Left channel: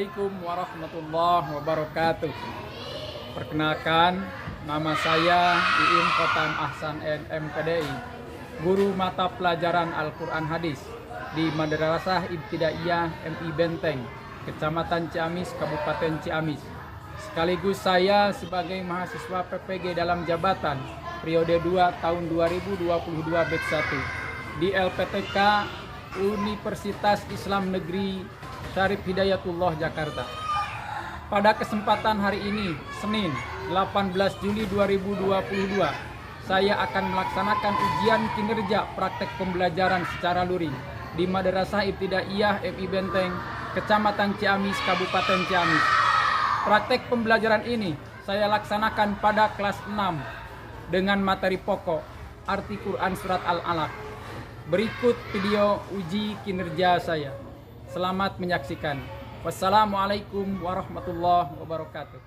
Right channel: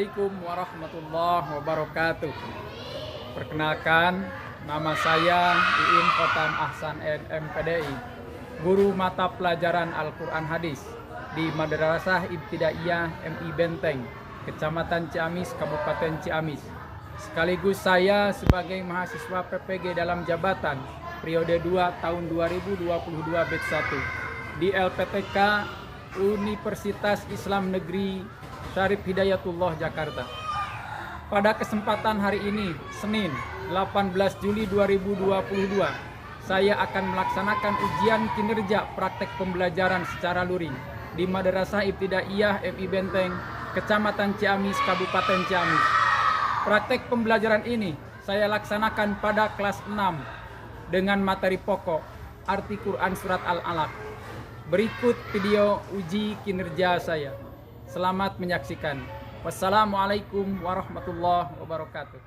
Assalamualaikum warahmatullahi wabarakatuh. Perkenalkan, nama saya Iin Khotam Ahsan MPDI, guru mata pelajaran Al-Quran Hadis di Madrasah Ibtidaiyah MI Benteng, Kecamatan Ciamis, Kabupaten Ciamis. Sekaligus saya sebagai mahasiswa PPG dalam jabatan periode 2 tahun 2022 batch 1 di LPTK Universitas Islam Negeri Syarif Hidayatullah Jakarta. Pada kesempatan hari ini, Senin 18 Juli 2022, saya akan melaksanakan ujian kinerja praktek pembelajaran secara luring di Madrasah Ibtidaiyah MI Benteng, Kecamatan Ciamis, Kabupaten Ciamis. Praktek pembelajaran ini saya laksanakan pada kelas 6 dengan materi pokok arti Quran Surat Al-Alaq. Berikut video uji kinerja saya. Selamat menyaksikan. Wassalamualaikum warahmatullahi wabarakatuh.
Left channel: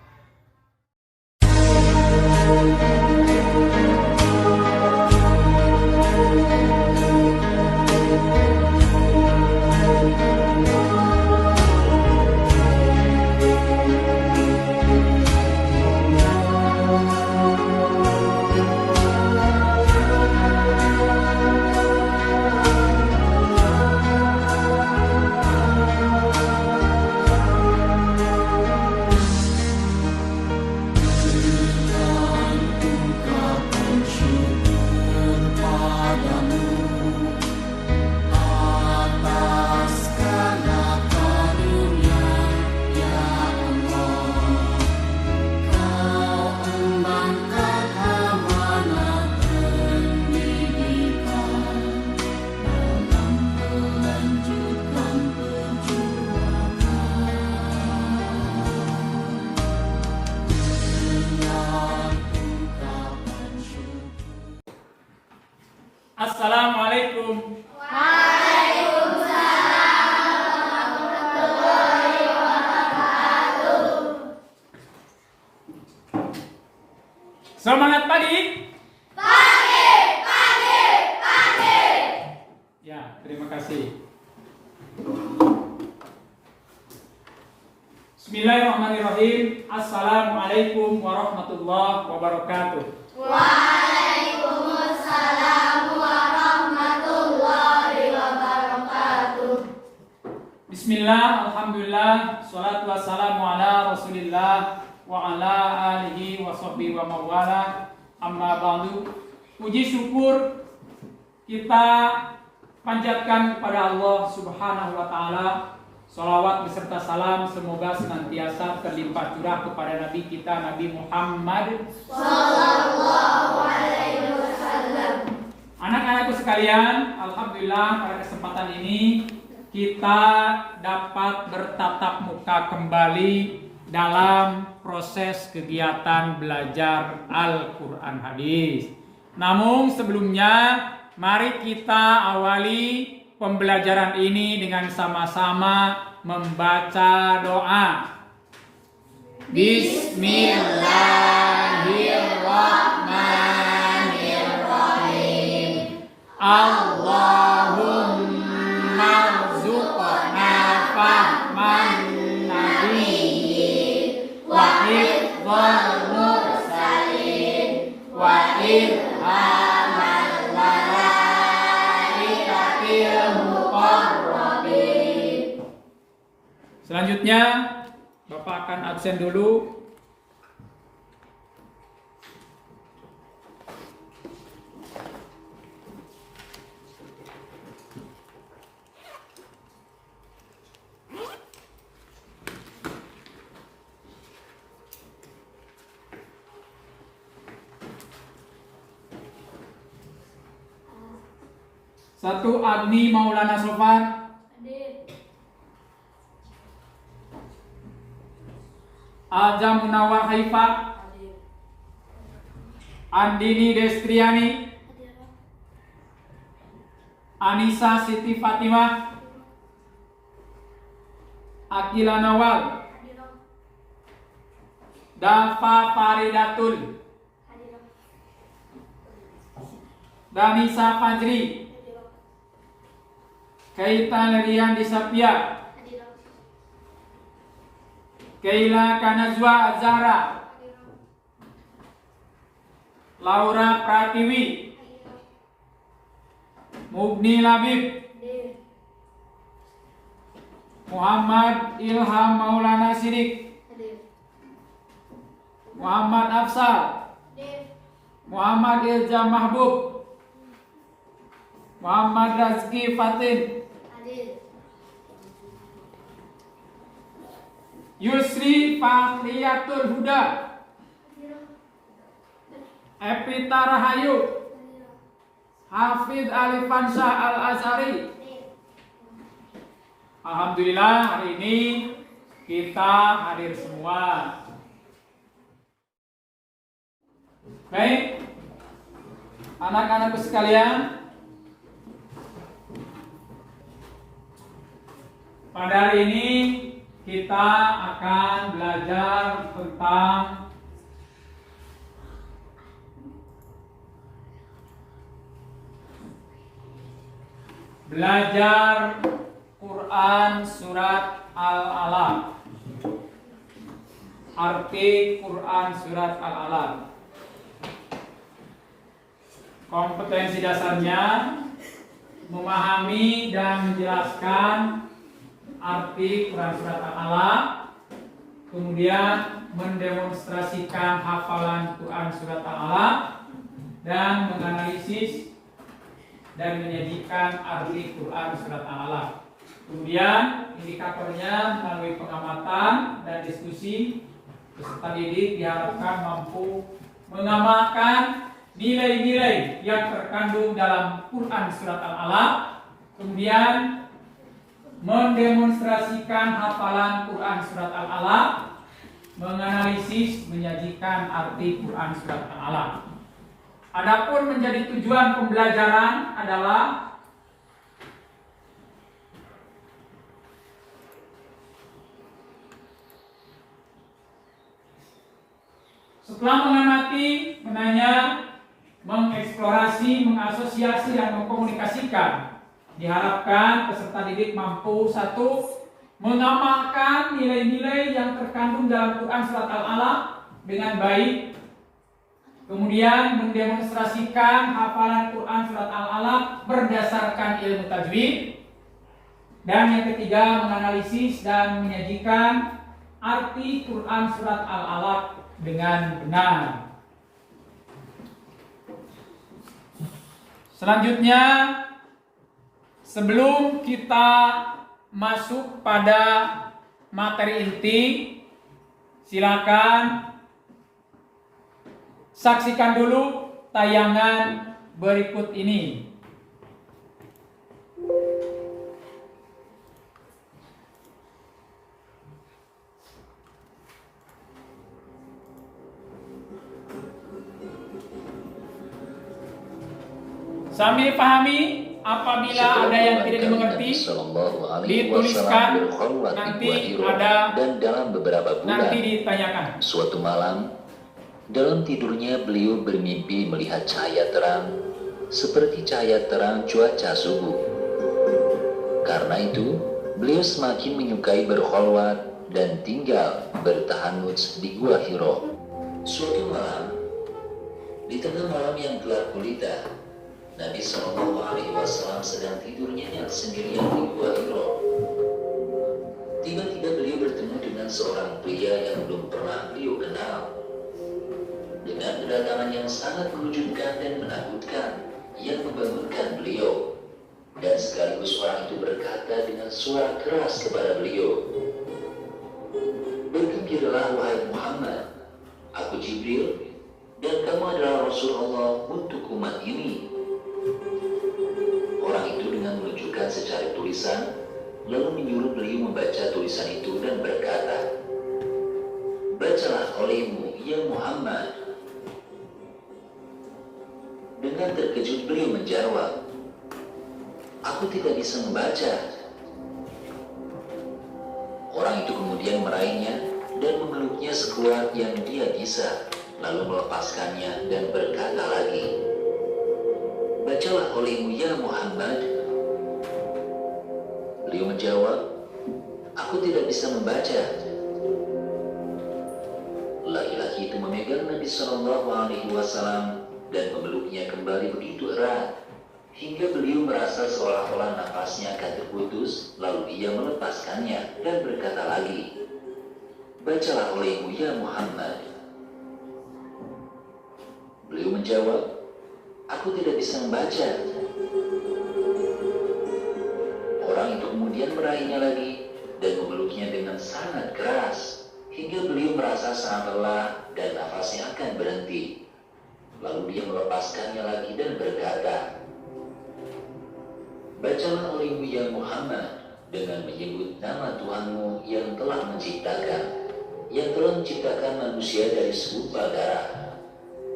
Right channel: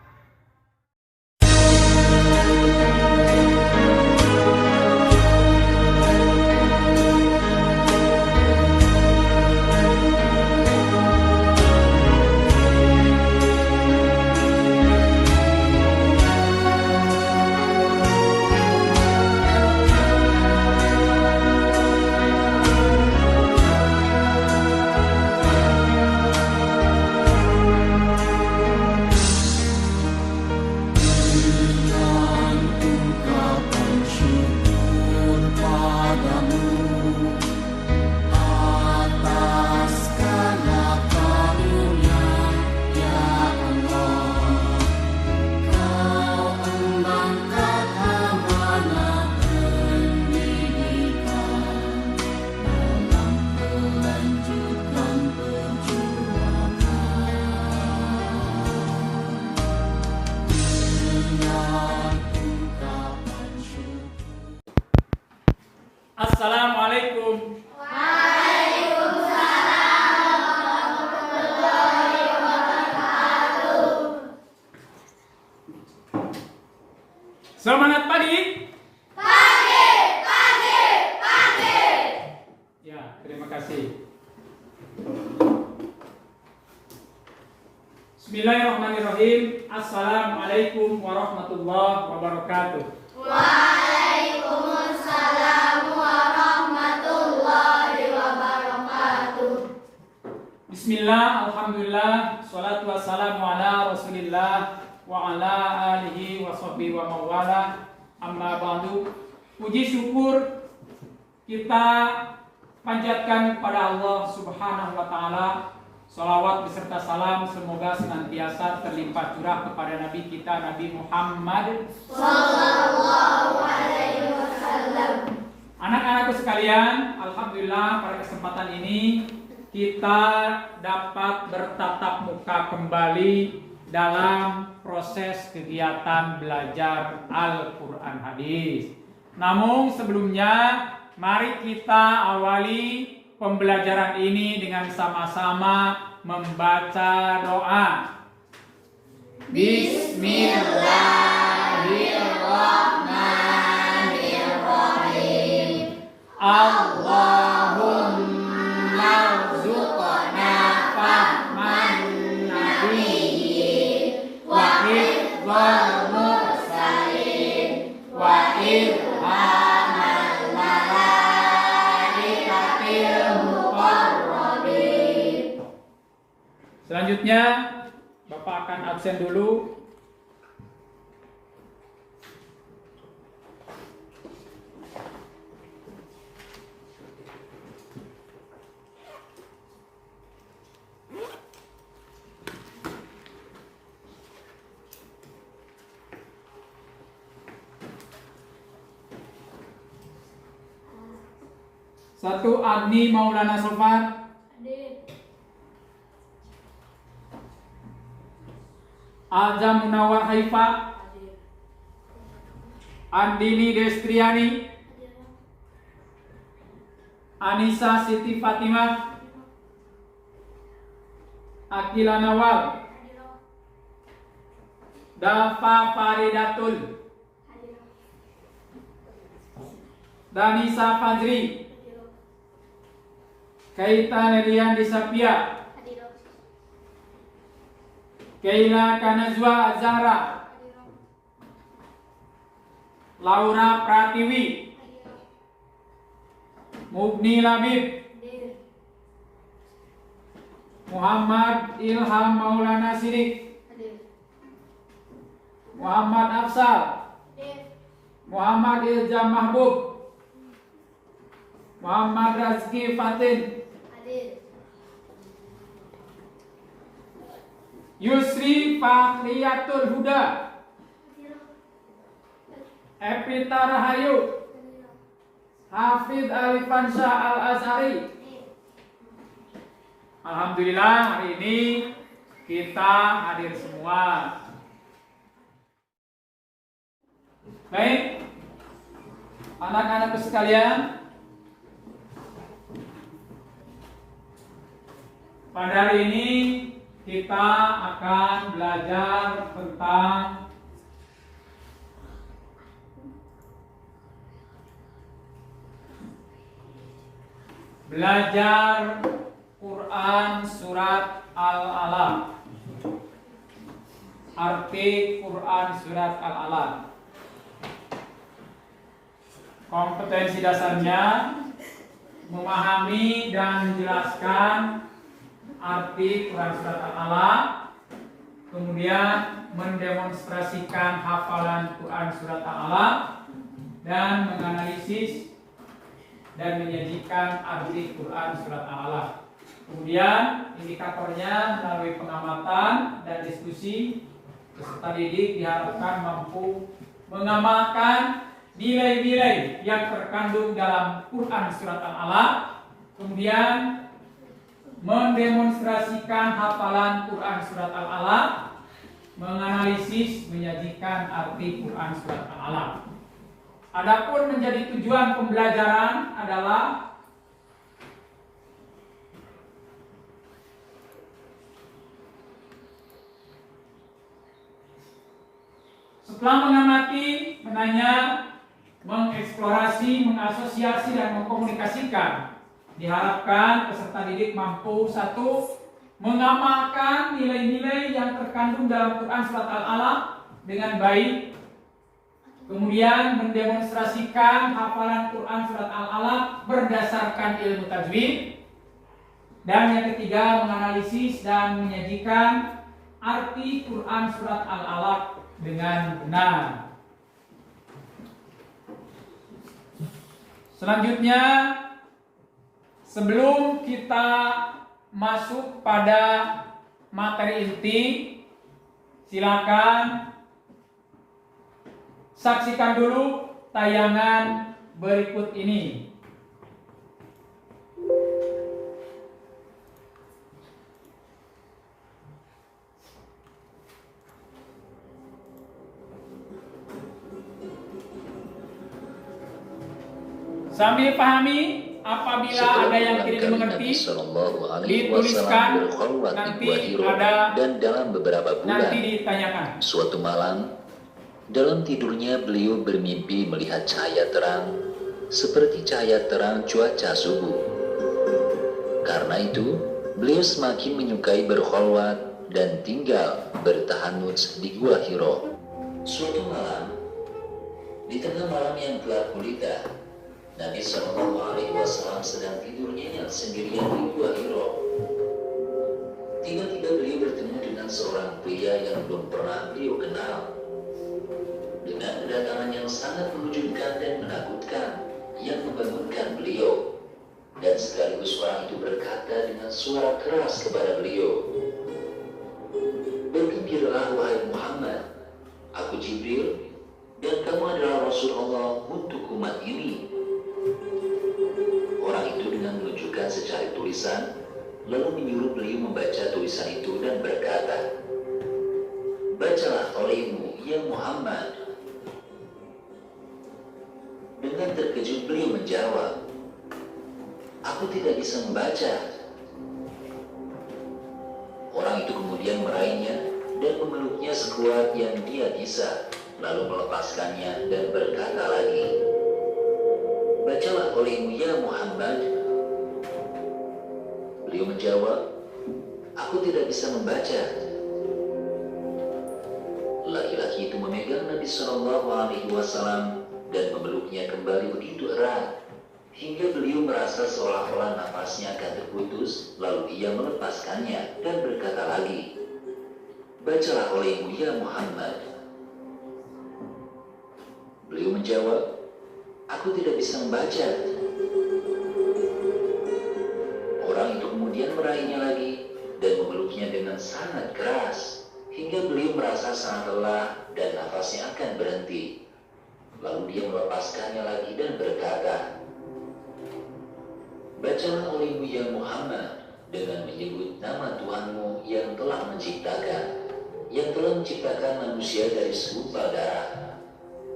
Assalamualaikum. Waalaikumsalam warahmatullahi wabarakatuh. Semangat pagi. Pagi. Ya, terima kasih. Bismillahirrahmanirrahim. Assalamualaikum warahmatullahi wabarakatuh. Waalaikumsalam warahmatullahi wabarakatuh. Bismillah, alhamdulillah, salatu wassalamu ala rasulillah wa ala alihi wa sahbihi wa mawala, amma ba'du. Puji syukur kita panjatkan kepada Allah subhanahu wa ta'ala. Salawat beserta salam semoga senantiasa terlimpah curah kepada Nabi kita, Nabi Muhammad Sallallahu alaihi wasallam. Anak-anakku sekalian, alhamdulillah pada kesempatan ini kita dapat bertatap muka kembali dalam proses kegiatan belajar Al-Quran Hadis. Namun sebelumnya, mari kita awali pembelajaran ini dengan sama-sama membaca doa. Bismillahirrahmanirrahim. Allahumma rzuqna fahman nabiyyin wa hifdzal mursalin wa ilhamal malaikatil muqarrabin. Selanjutnya Bapak akan absen dulu. Satu, Adni Maulana Sofan. Azam Munawar Haifa. Andini Destriani. Anissa Siti Fatimah. Akila Nawal. Dafa Faridatul. Danisa Fajri. Kaita Lerian Disapia. Keila Kanazwa Azhara, Laura Pratiwi, Mubni Labib, Muhammad Ilham Maulana Sidik, Muhammad Afsal, Muhammad Ilja Mahbub, Muhammad Razki Fatin, Yusri Fahriyatul Huda, Epita Rahayu, Hafidh Alifansyah Al-Azhari. Alhamdulillah hari ini kita hadir semua. Baik, anak-anakku sekalian, pada hari ini kita akan belajar tentang belajar Quran surat Al-Alaq. Arti Quran surat Al-Alaq. Kompetensi dasarnya memahami dan menjelaskan arti Quran surat Al-Alaq, kemudian mendemonstrasikan hafalan Quran surat Al-Alaq dan menganalisis dan menyajikan arti Quran surat Al-Alaq. Kemudian indikatornya melalui pengamatan dan diskusi, peserta didik diharapkan mampu mengamalkan nilai-nilai yang terkandung dalam Quran surat Al-Alaq, kemudian mendemonstrasikan hafalan Quran surat Al-Alaq, menganalisis, menyajikan arti Quran surat Al-Alaq. Adapun menjadi tujuan pembelajaran adalah setelah mengamati, menanya, mengeksplorasi, mengasosiasi, dan mengkomunikasikan, diharapkan peserta didik mampu satu, mengamalkan nilai-nilai yang terkandung dalam Quran surat Al-Alaq dengan baik, kemudian mendemonstrasikan hafalan Quran surat Al-Alaq berdasarkan ilmu tajwid, dan yang ketiga menganalisis dan menyajikan arti Quran surat Al-Alaq dengan benar. Selanjutnya, sebelum kita masuk pada materi inti, silakan saksikan dulu tayangan berikut ini. Sambil pahami, apabila ada yang tidak dimengerti, dituliskan, nanti ada, dan dalam beberapa bulan, nanti ditanyakan. suatu malam, dalam tidurnya beliau bermimpi melihat cahaya terang, seperti cahaya terang cuaca subuh. Karena itu, beliau semakin menyukai berkholwat dan tinggal bertahanuts di Gua Hiro. Suatu malam, di tengah malam yang gelap gulita, Nabi SAW sedang tidur nyenyak sendirian di Gua Hiro. Tiba-tiba beliau bertemu dengan seorang pria yang belum pernah beliau kenal. Dengan kedatangan yang sangat mengejutkan dan menakutkan yang membangunkan beliau, dan sekaligus orang itu berkata dengan suara keras kepada beliau, "Bergembiralah wahai Muhammad, aku Jibril dan kamu adalah Rasul Allah untuk umat ini." Orang itu dengan menunjukkan secari tulisan, lalu menyuruh beliau membaca tulisan itu dan berkata, "Bacalah olehmu, ya Muhammad." Dengan terkejut beliau menjawab, "Aku tidak bisa membaca." Orang itu kemudian meraihnya dan memeluknya sekuat yang dia bisa, lalu melepaskannya dan berkata lagi, "Bacalah olehmu ya Muhammad." Beliau menjawab, "Aku tidak bisa membaca." memegang Nabi Shallallahu Alaihi Wasallam dan memeluknya kembali begitu erat hingga beliau merasa seolah-olah nafasnya akan terputus. Lalu ia melepaskannya dan berkata lagi, "Bacalah olehmu ya Muhammad." Beliau menjawab, "Aku tidak bisa membaca." Orang itu kemudian meraihnya lagi dan memeluknya dengan sangat keras hingga beliau merasa sangat lelah dan nafasnya akan berhenti. Lalu dia melepaskannya lagi dan berkata, "Bacalah olehmu ya Muhammad dengan menyebut nama Tuhanmu yang telah menciptakan manusia dari segumpal darah.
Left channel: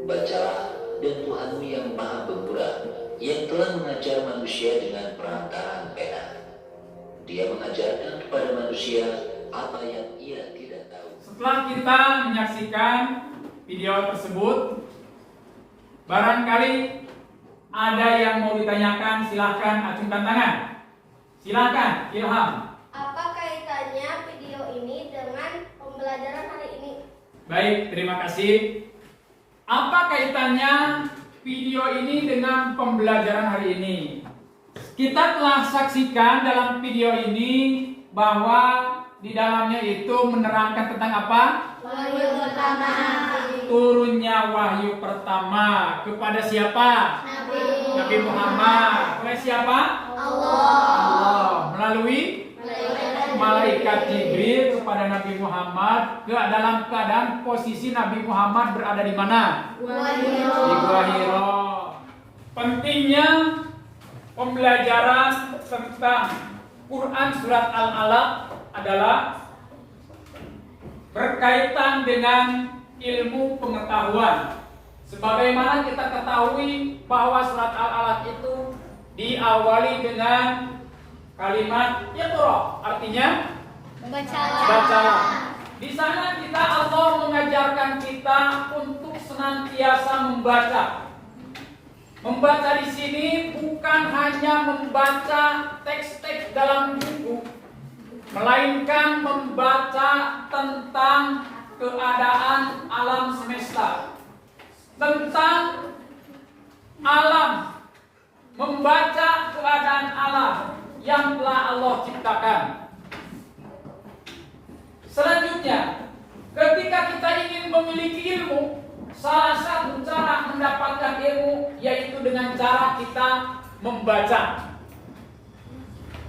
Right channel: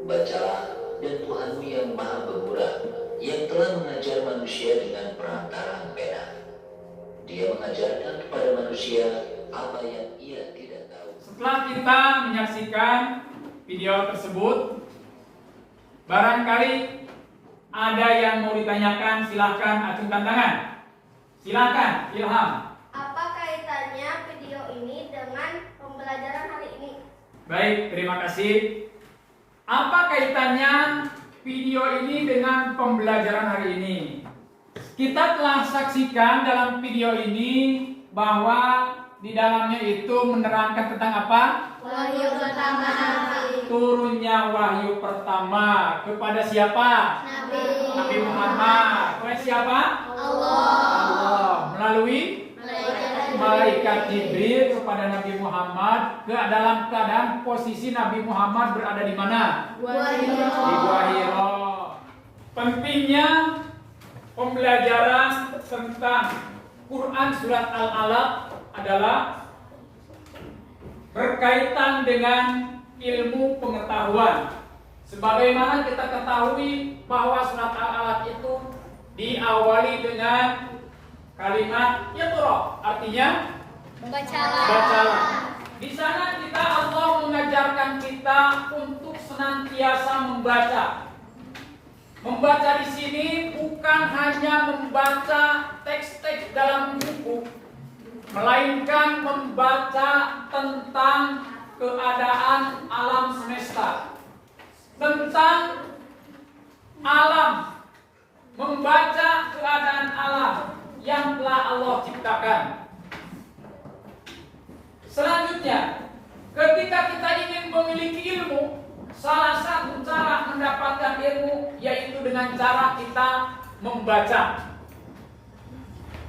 Bacalah, dan Tuhanmu yang maha pemurah yang telah mengajar manusia dengan perantaraan pena. Dia mengajarkan kepada manusia apa yang ia tidak tahu." Setelah kita menyaksikan video tersebut, barangkali ada yang mau ditanyakan, silahkan acungkan tangan. Silahkan, Ilham. Apa kaitannya video ini dengan pembelajaran hari ini? Baik, terima kasih. Apa kaitannya video ini dengan pembelajaran hari ini? Kita telah saksikan dalam video ini bahwa di dalamnya itu menerangkan tentang apa? Wahyu pertama. Turunnya wahyu pertama kepada siapa? Nabi Muhammad. Kepada siapa? Allah. Melalui malaikat Jibril kepada Nabi Muhammad dalam keadaan posisi Nabi Muhammad berada di mana? Di Gua Hira. Pentingnya pembelajaran tentang Quran surat Al-Alaq adalah berkaitan dengan ilmu pengetahuan. Sebagaimana kita ketahui bahwa surat Al-Alaq itu diawali dengan kalimat Iqra, artinya bacalah. Di sana Allah mengajarkan kita untuk senantiasa membaca. Membaca di sini bukan hanya membaca teks-teks dalam buku, melainkan membaca tentang keadaan alam semesta, tentang alam, membaca keadaan alam yang telah Allah ciptakan. Selanjutnya, ketika kita ingin memiliki ilmu, salah satu cara mendapatkan ilmu yaitu dengan cara kita membaca.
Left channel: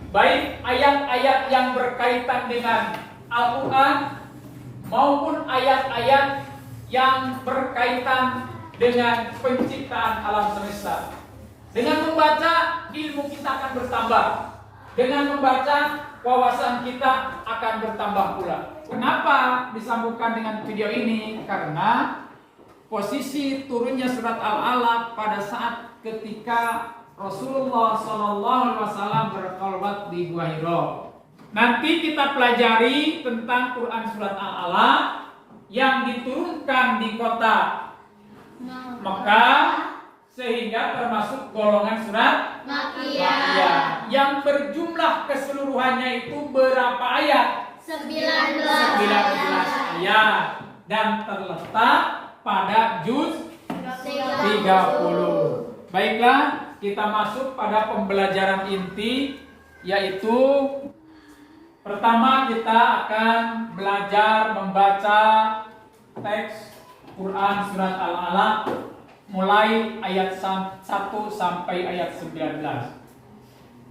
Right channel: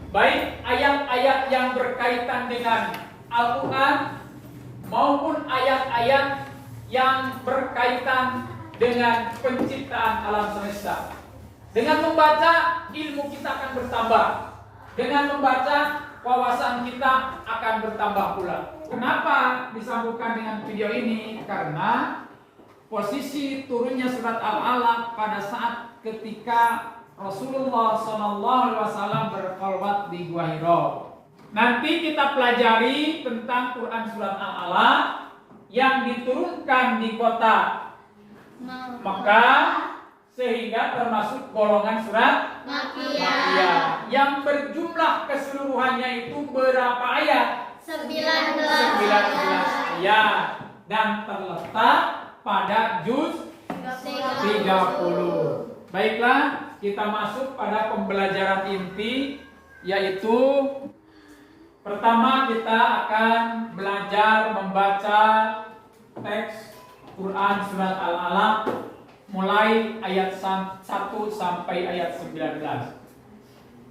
Baik ayat-ayat yang berkaitan dengan Al-Quran maupun ayat-ayat yang berkaitan dengan penciptaan alam semesta. Dengan membaca, ilmu kita akan bertambah. Dengan membaca, wawasan kita akan bertambah pula. Kenapa disambungkan dengan video ini? Karena posisi turunnya surat Al-Alaq pada saat ketika Rasulullah SAW berkholwat di Gua Hira. Nanti kita pelajari tentang Quran surat Al-Alaq yang diturunkan di kota Mekah, sehingga termasuk golongan surat Makkiyah yang berjumlah keseluruhannya itu berapa ayat? 19 ayat dan terletak pada juz 30. Baiklah, kita masuk pada pembelajaran inti, yaitu pertama kita akan belajar membaca teks Quran surat Al-Alaq mulai ayat 1 sampai ayat 19.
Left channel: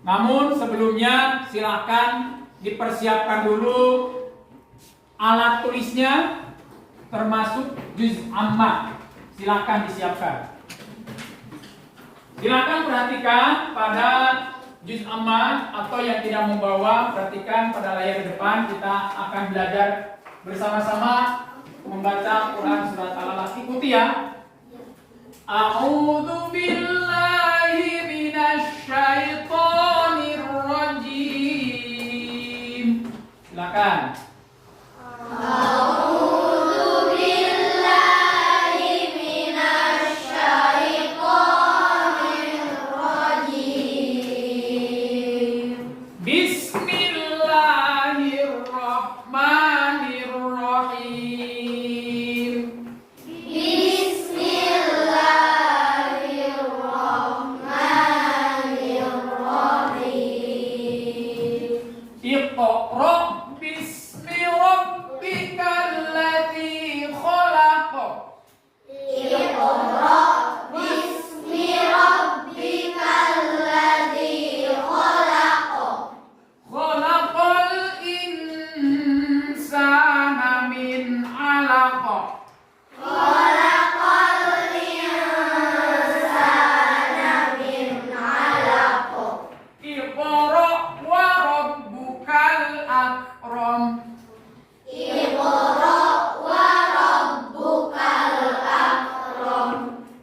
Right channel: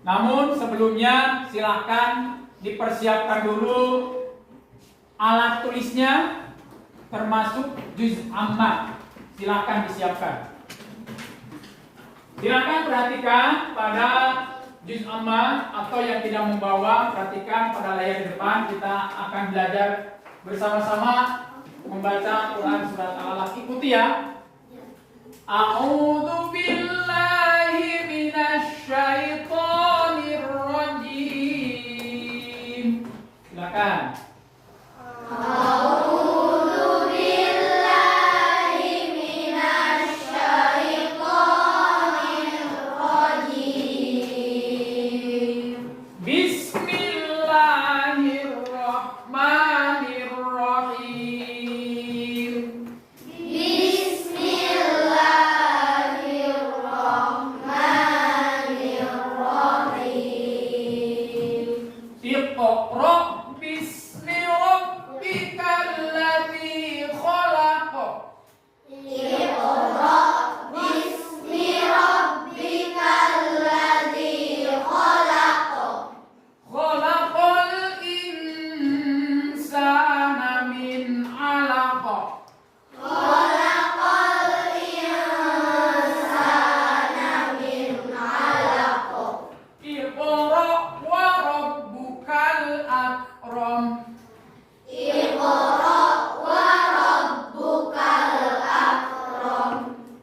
Namun sebelumnya silakan dipersiapkan dulu alat tulisnya, termasuk juz amma. Silakan disiapkan. Silakan perhatikan pada juz amma, atau yang tidak membawa, perhatikan pada layar depan. Kita akan belajar bersama-sama membaca Quran surat Al-Alaq. Ikuti ya. A'udzu billahi minasy syaithanir rajim. Silakan.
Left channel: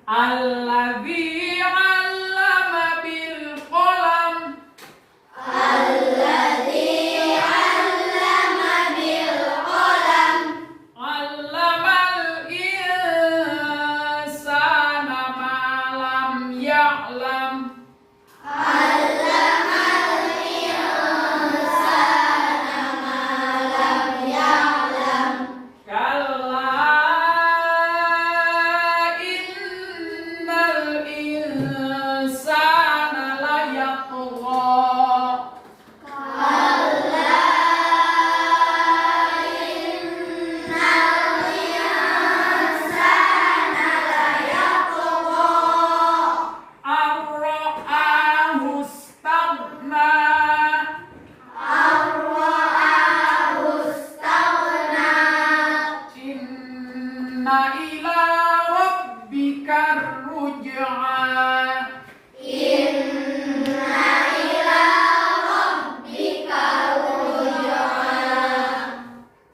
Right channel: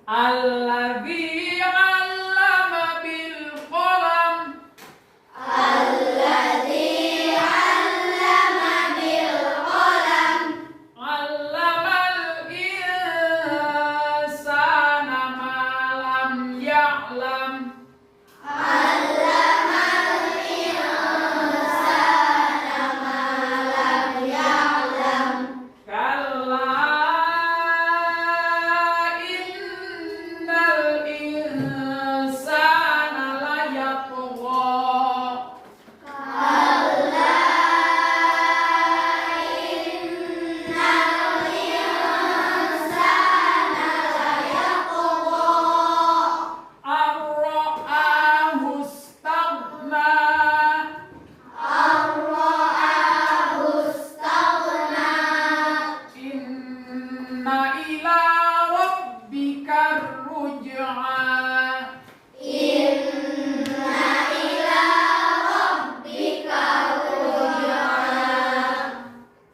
Alladzi 'allama bil qalam. Alladzi 'allama bil qalam. 'Allamal insana ma lam ya'lam. Allamal insana ma lam ya'lam. Kalla innal insana layatgha. Kalla innal insana layatgha. Ar-ra'ahu istaghna. Ar-ra'ahu istaghna. Inna ila rabbikar ruj'a. Inna ila rabbika ruj'a.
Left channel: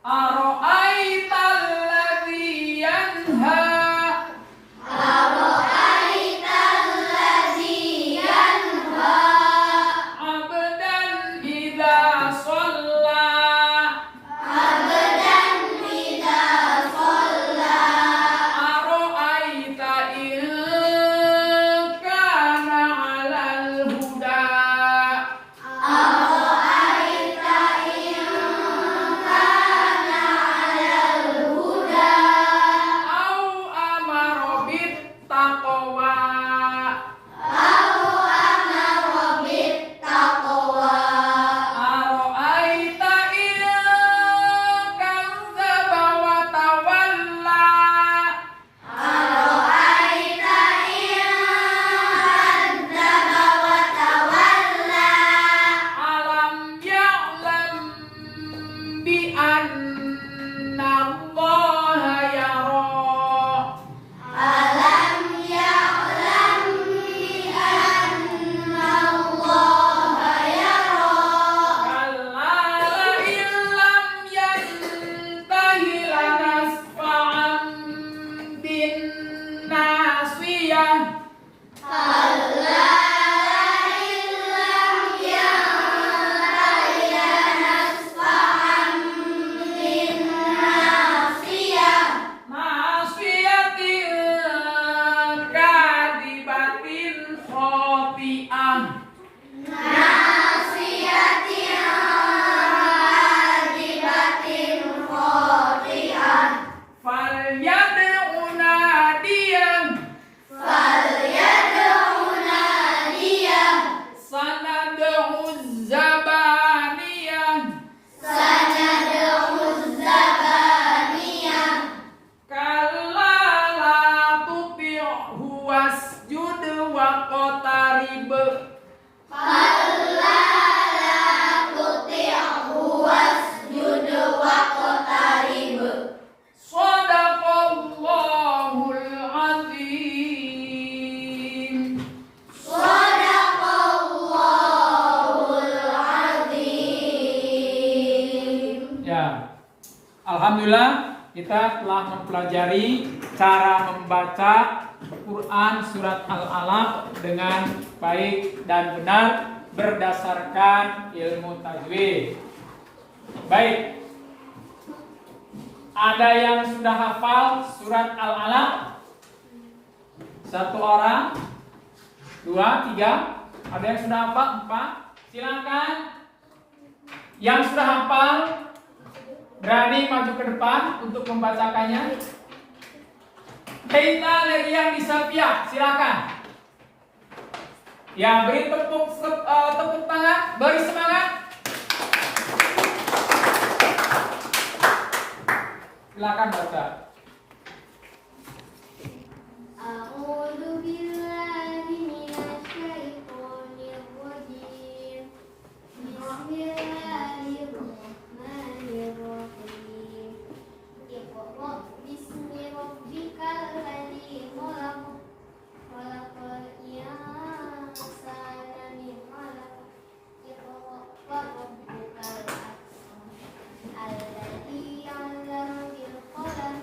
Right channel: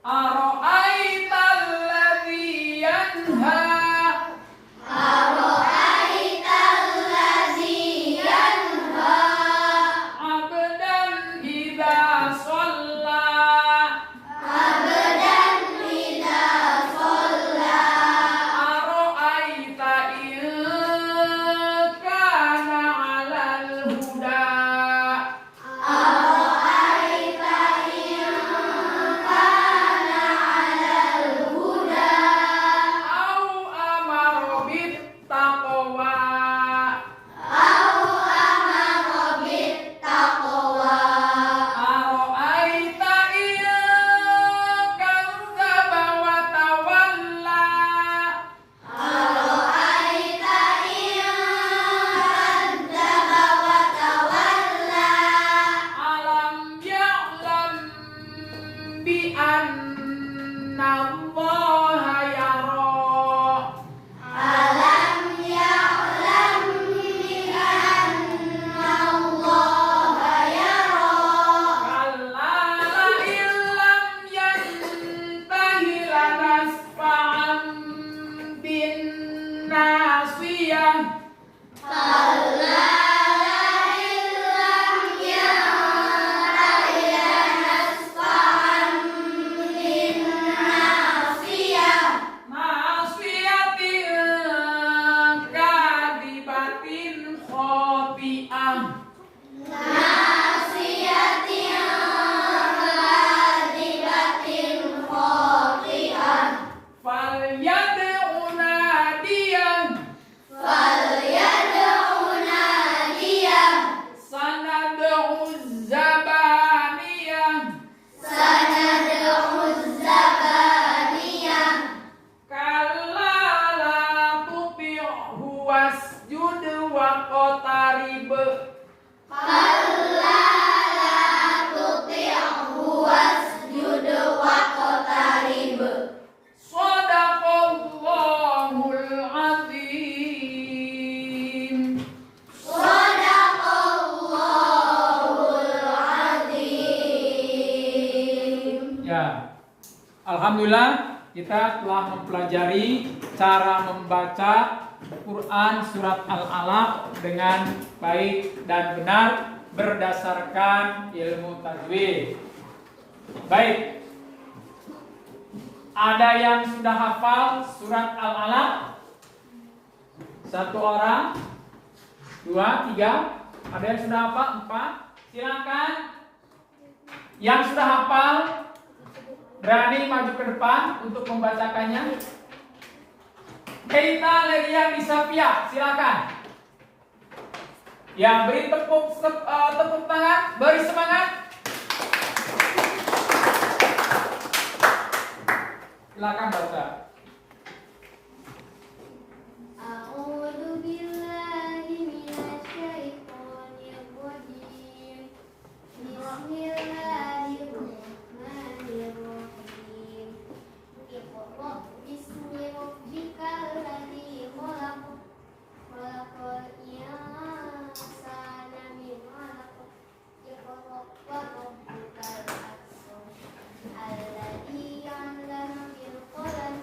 Ara'aita alladhi yanha. Ara'aita allazi yanha. Abdan idza shalla. Abdan idza shalla. Ara'aita in kana 'alal huda. Ara'aita in kana 'alal huda. Au amara bit taqwa. Au amara bit taqwa. Ara'aita in kadzdzaba wa tawalla. Ara'aita in kadzdzaba wa tawalla. Alam ya'lam bi anna Allaha yara. Alam ya'lam bi anna Allaha yara. Kalla la illam yantahi lanasfa'an bin nasiyah. Kalla illam yantahi lanasfa'an bin nasiyah. Nasiyatin kadibatin khati'ah. Nasiyatin kadibatin khati'ah. Falyad'u nadiyah. Falyad'u nadiyah. Sanad'u zabaniyah. Sanad'u zabaniyah. Kalla la tuti'hu wasjud waqtarib. Kalla la tuti'hu wasjud waqtarib. Shadaqallahul azim. Shadaqallahul azim. Ya, alhamdulillah kita telah mempelajari cara membaca Quran surat Al-Alaq dengan baik dan benar berdasarkan ilmu tajwid. Baik. Ada yang sudah hafal surat Al-Alaq? Satu orang, dua, tiga. Ada yang sudah hafal? Empat. Silakan. Yang sudah hafal berani maju ke depan untuk membacakannya. Keita Leria Misalpia, silakan. Ya, beri tepuk tangan, beri semangat. Silakan baca. A'udzu billahi minasy syaithanir rajim. Bismillahirrahmanirrahim. Iqra bismi rabbikal ladzi khalaq. Khalaqal insana min 'alaq. Iqra wa rabbukal akram. Alladzi 'allama bil qalam.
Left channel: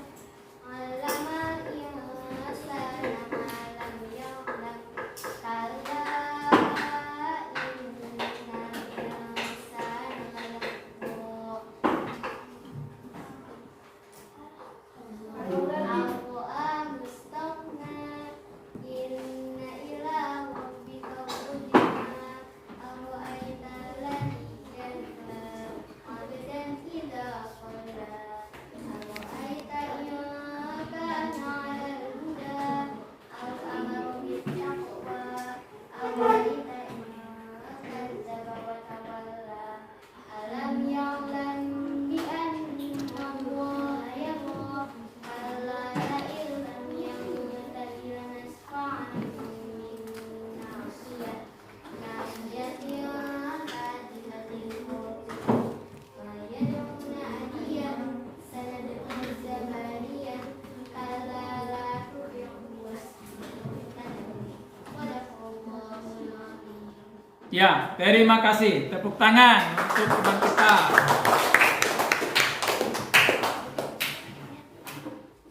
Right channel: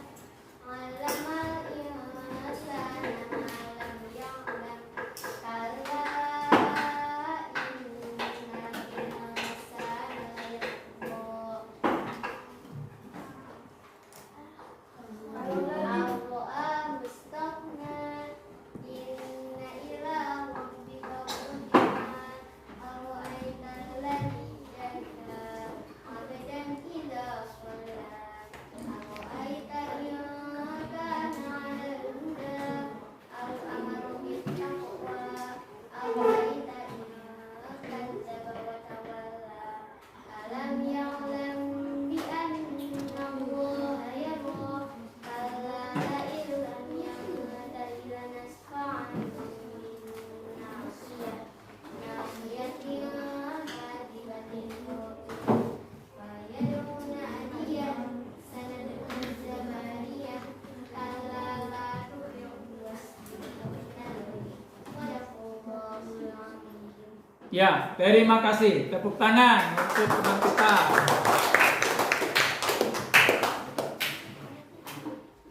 Ya, terima kasih. Tepuk tangan untuk teman kita.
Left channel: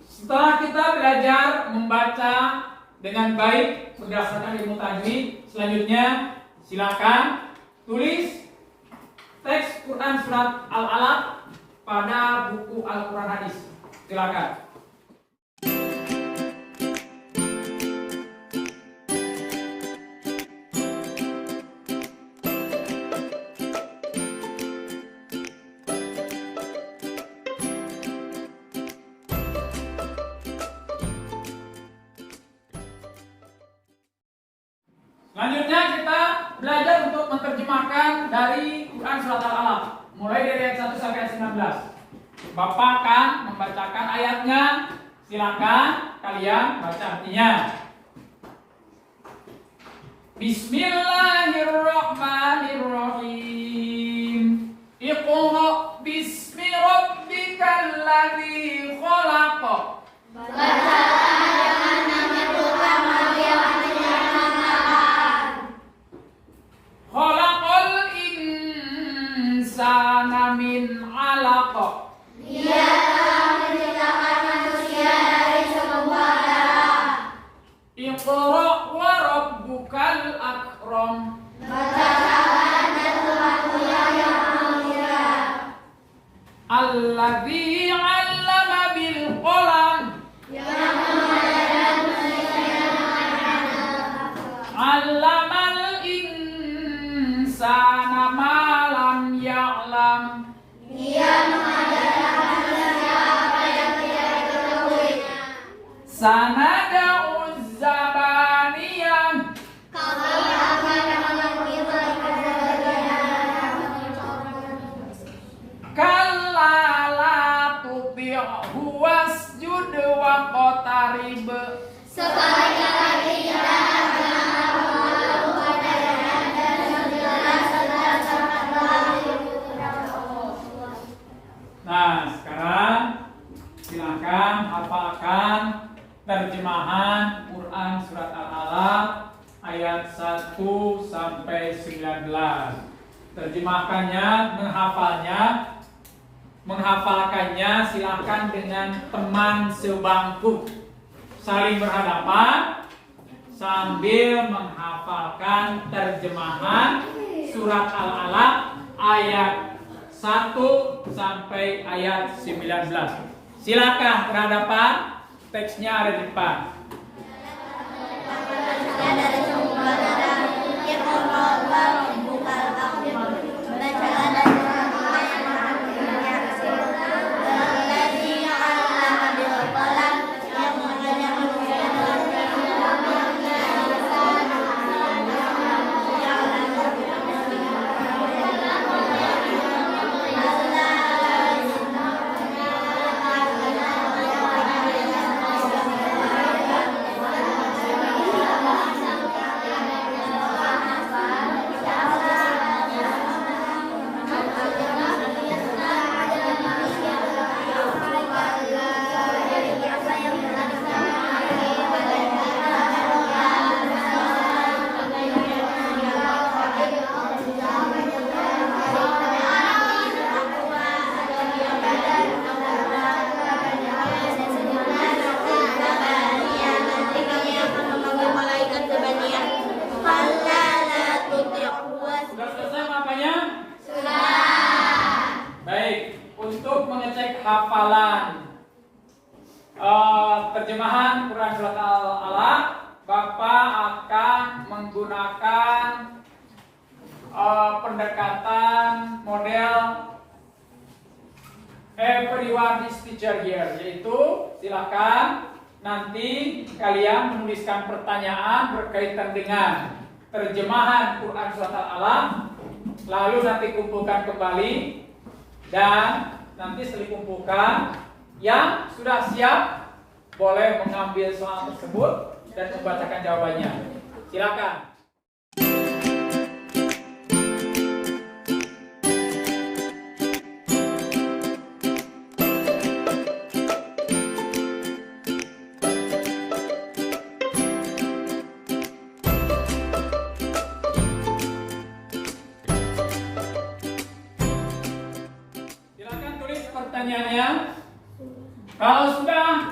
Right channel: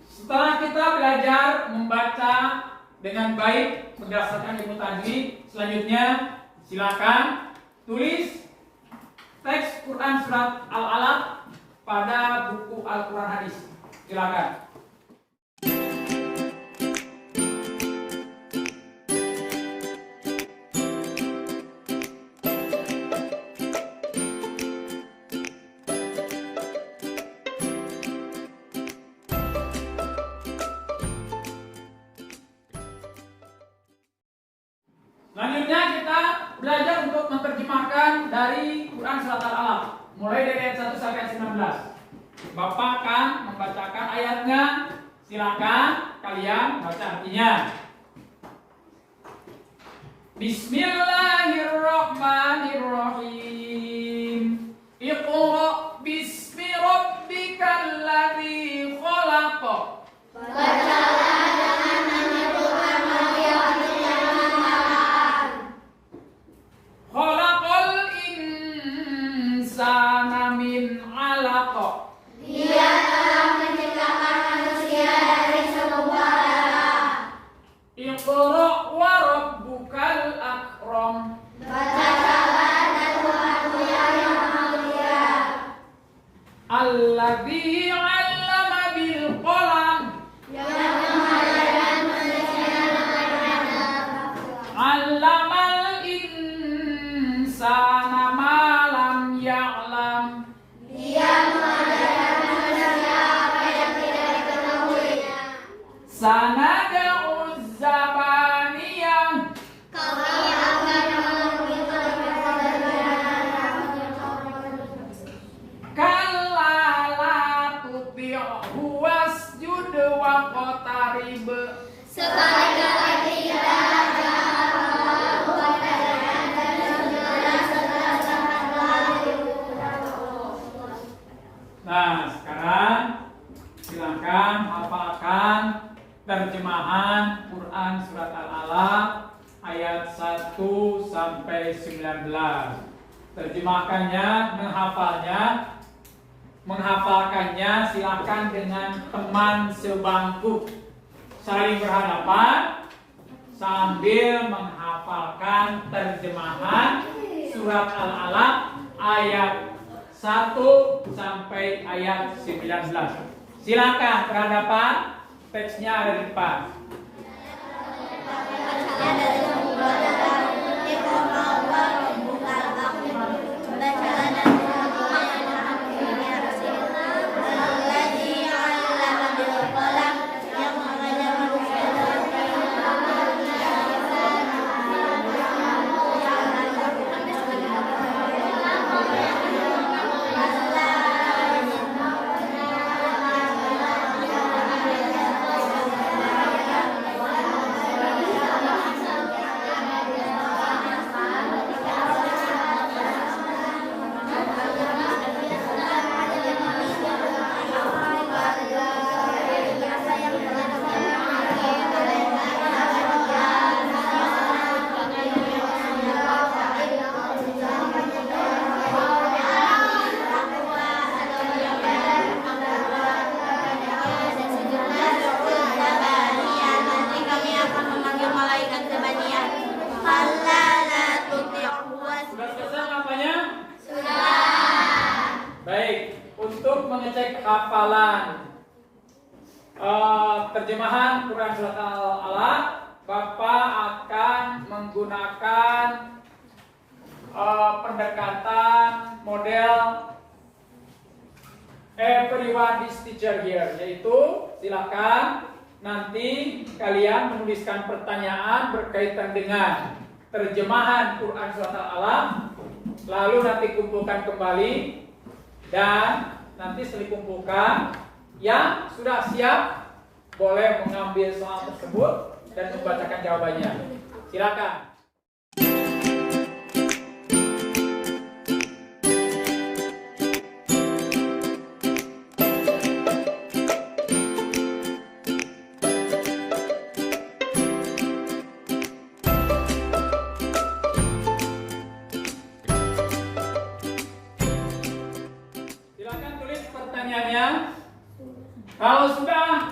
Setelah kita belajar membaca dengan baik berdasarkan ilmu tajwid, selanjutnya silakan tulis teks Quran surat Al-Alaq pada buku Al-Quran Hadis. Silakan. Selanjutnya kita belajar untuk menerjemahkan dari Quran surat Al-Alaq mulai dari ayat 1 sampai ayat 19. Bapak akan membacakan ayatnya, silakan kalian baca artinya. Bismillahirrahmanirrahim. Iqra bismi rabbikal ladzi khalaq. Khalaqal insana min 'alaq. Dia telah menciptakan manusia dari segumpal darah. Iqra wa rabbukal akram. Bacalah dan Tuhanmu yang maha mulia. Alladzi 'allama bil qalam. Yang mengajarkan manusia dengan anak. 'Allamal insana ma lam ya'lam. Dia mengajarkan manusia apa yang tidak diketahuinya. Sanada'uz zabaniyah. Kami akan memenuhi Kalla la tuti'hu wasjud wa qatarib. Sebaliknya tidak akan melakukan dan sujudlah serta sangat Nah, sekarang silakan hafalkan terjemahan Quran surat Al-Alaq ayat 1 sampai 19. Terjemahkannya, menghafalkannya silakan dengan teman sebangku. Saling berhadapan sambil menghafalkan terjemahan surat Al-Alaq ayat 1 sampai ayat 19. Silakan berhadapan, teksnya ada di depan. Sudah selesai apanya? Sudah. Baik, untuk mengecek hafalan terjemahan Quran surat Al-Alaq, Bapak akan menggunakan pendekatan model everyone is teacher here, yaitu silakan nanti kalian menuliskan pertanyaan berkaitan dengan terjemahan Quran surat Al-Alaq, lalu nanti kumpulkan kembali dan nanti setelah kumpulkan yang sudah siap boleh mengambil soal tersebut dan membacakan jawabannya. Silakan. pertaniannya? Kalau sudah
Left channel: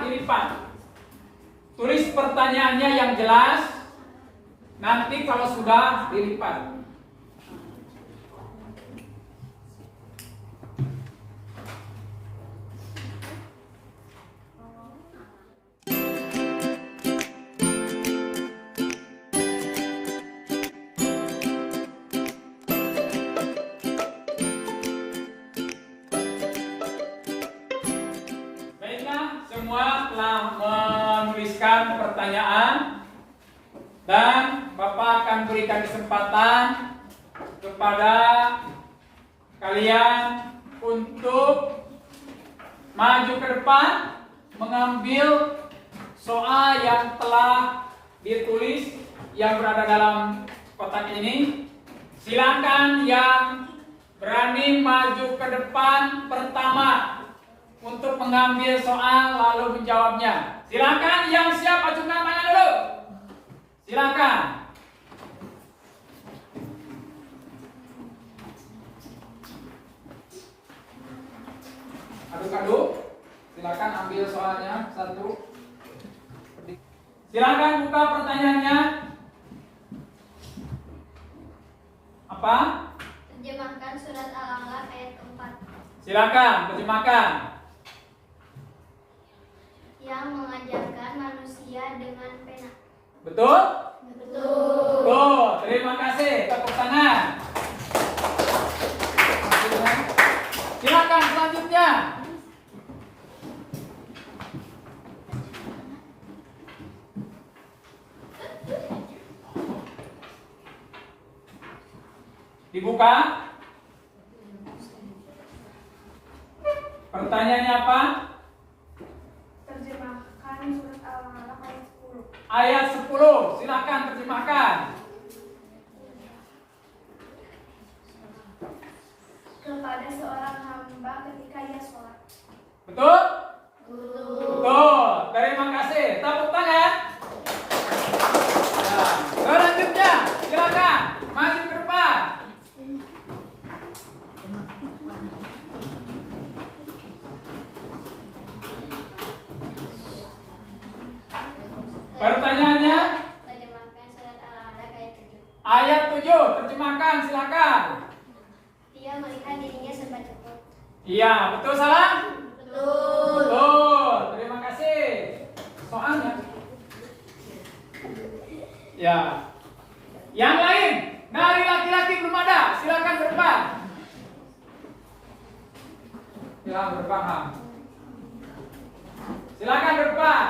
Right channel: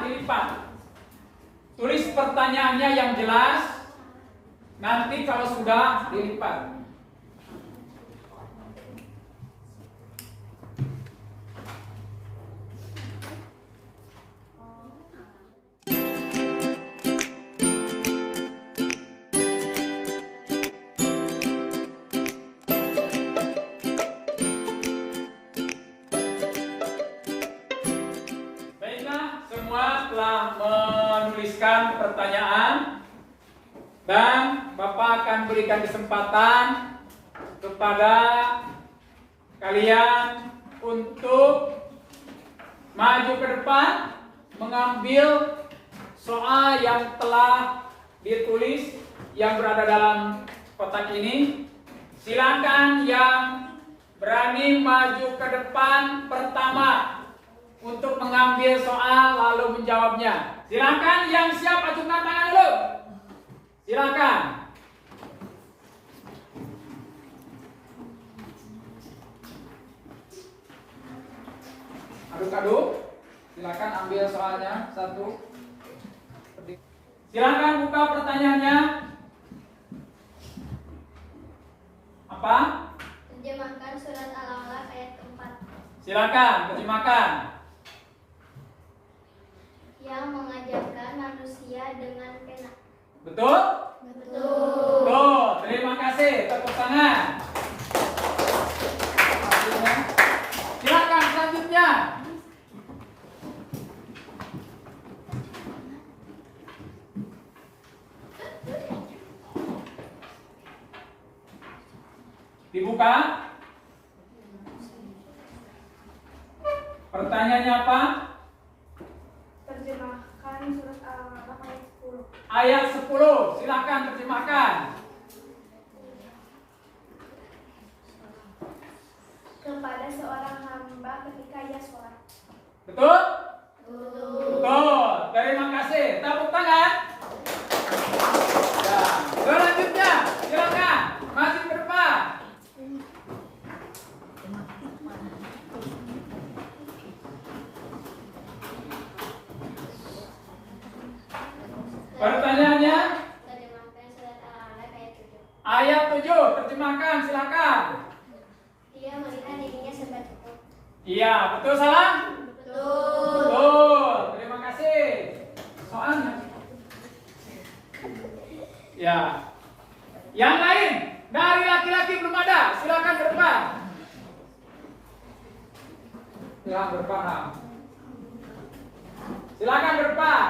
dilipat. Tulis pertanyaannya yang jelas. Nanti kalau sudah dilipat. Semua telah menuliskan pertanyaan dan Bapak akan berikan kesempatan kepada kalian untuk maju ke depan mengambil soal yang telah ditulis yang berada dalam kotak ini. Silakan yang berani maju ke depan pertama untuk mengambil soal lalu menjawabnya. Silakan yang siap acungkan tangan dulu. Silakan. Aduk-aduk. Silakan ambil soalnya satu. Silakan buka pertanyaannya. Apa? Terjemahkan surat Al-Alaq ayat keempat. Silakan terjemahkan. Yang mengajarkan manusia dengan pena. Betul? Betul. Tuh, terima kasih. Tepuk tangan. Silakan selanjutnya. Dibuka. Pertanyaannya apa? Terjemahkan surat Al-Alaq ayat 10. Ayat 10. Silakan terjemahkan. Kepada seorang hamba ketika ia sholat. Betul? Betul. Terima kasih. Tepuk tangan. Ya. Selanjutnya, silakan maju ke depan. Pertanyaannya? Terjemahkan surat Al-Alaq ayat 7. Ayat 7. Terjemahkan, silakan. Dia melihat dirinya serba cukup. Iya, betul salah? Betul. Betul. Terima kasih. Soalnya. Ya. Yang lain dari laki-laki belum ada. Silakan ke depan. Silakan ke depan, Ham. Silakan ke depan.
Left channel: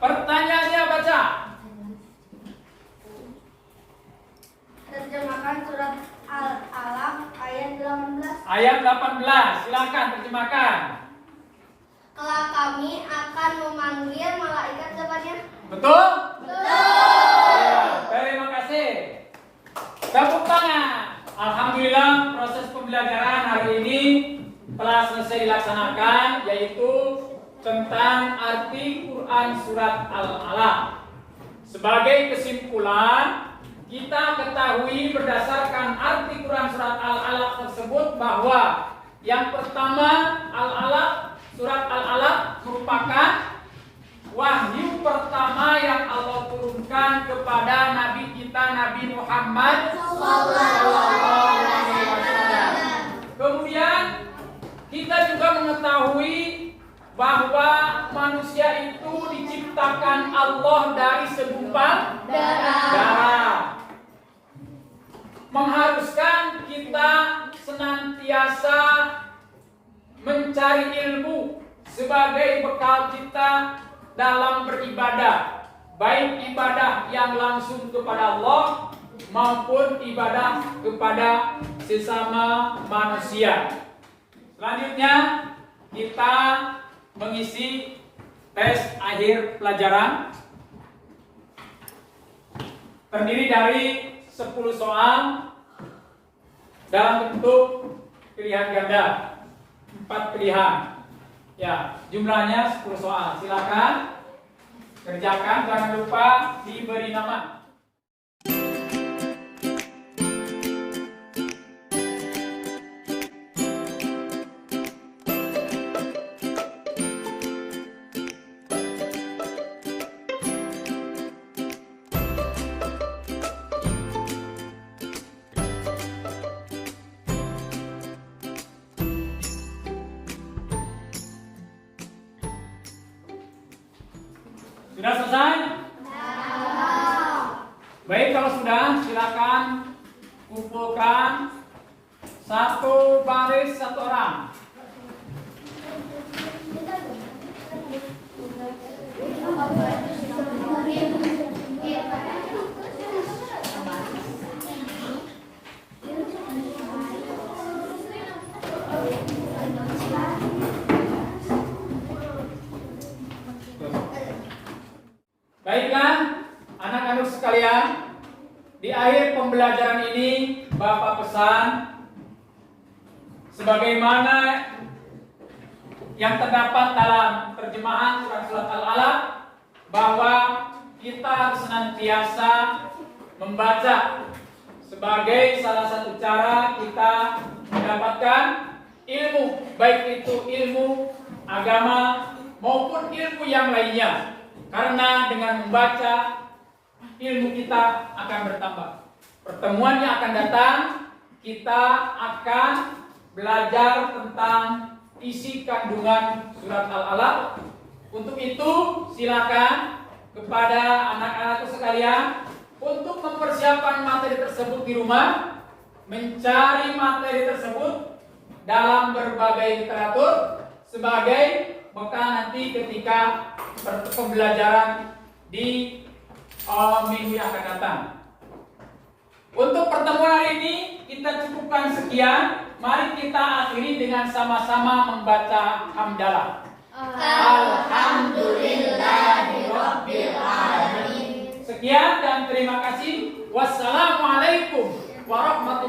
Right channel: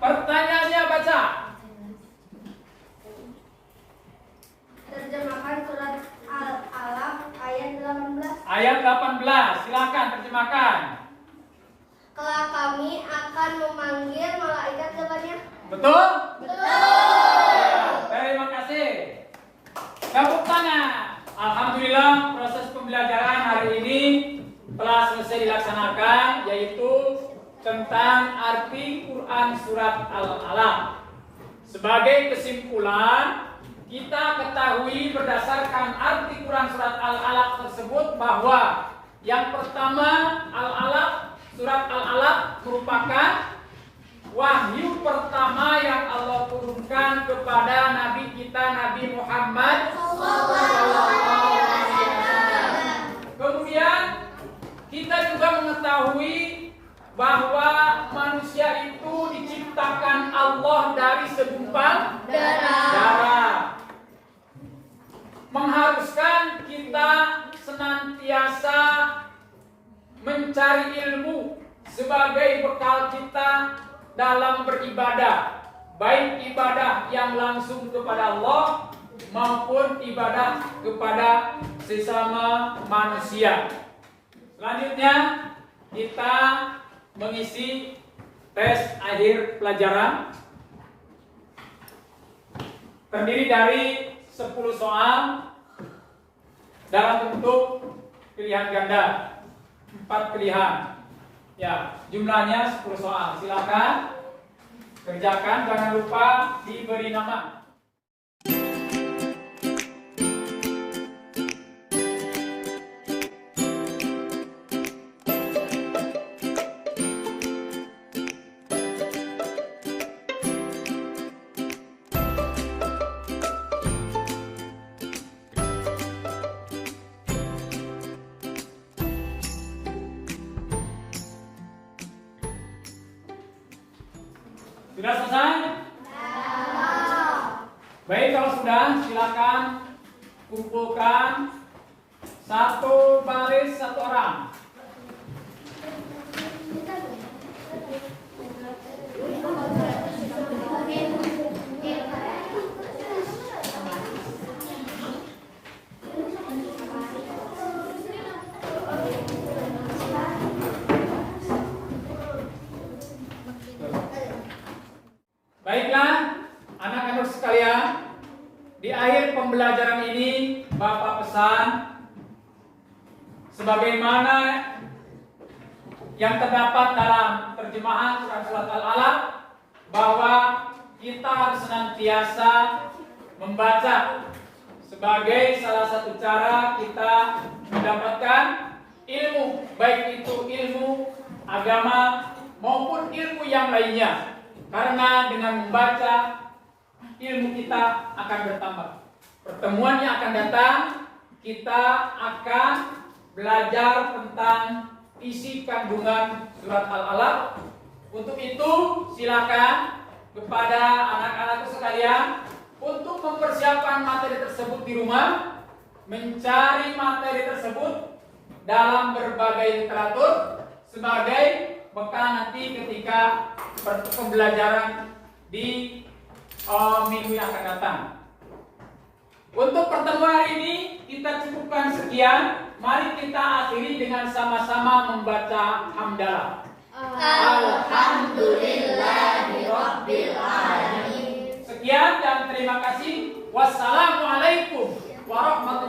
Pertanyaannya baca. Terjemahkan surat Al-Alaq ayat 18. Ayat 18. Silakan terjemahkan. Kelak kami akan memanggil malaikat depannya. Betul? Betul. Ya, terima kasih. Tepuk tangan. Alhamdulillah proses pembelajaran hari ini telah selesai dilaksanakan, yaitu tentang arti Quran surat Al-Alaq. Sebagai kesimpulan, kita ketahui berdasarkan arti Quran surat Al-Alaq tersebut bahwa yang pertama, surat Al-Alaq merupakan wahyu pertama yang Allah turunkan kepada Nabi kita, Nabi Muhammad SAW. Kemudian kita juga mengetahui bahwa manusia itu diciptakan Allah dari segumpal darah. Mengharuskan kita senantiasa mencari ilmu sebagai bekal kita dalam beribadah, baik ibadah yang langsung kepada Allah maupun ibadah kepada sesama manusia. Selanjutnya kita mengisi tes akhir pelajaran, terdiri dari 10 soal dalam bentuk pilihan ganda, 4 pilihan. Ya, jumlahnya 10 soal. Silakan kerjakan, jangan lupa diberi nama. Sudah selesai? Baik, kalau sudah silakan kumpulkan satu baris satu orang. Baiklah, anak-anak sekalian, di akhir pembelajaran ini Bapak pesan sebagaimana yang terdapat dalam terjemahan surat Al-Alaq bahwa kita harus senantiasa membaca sebagai salah satu cara kita mendapatkan ilmu, baik itu ilmu agama maupun ilmu yang lainnya. Karena dengan membaca ilmu kita akan bertambah. Pertemuan yang akan datang kita akan belajar tentang isi kandungan surat Al-Alaq. Untuk itu silakan kepada anak-anakku sekalian untuk mempersiapkan materi tersebut di rumah, mencari materi tersebut dalam berbagai literatur sebagai bekal nanti ketika pembelajaran di minggu yang akan datang. Untuk pertemuan hari ini kita cukupkan sekian. Mari kita akhiri dengan sama-sama membaca hamdalah. Alhamdulillahirabbil alamin. Sekian dan terima kasih. Wassalamualaikum warahmatullahi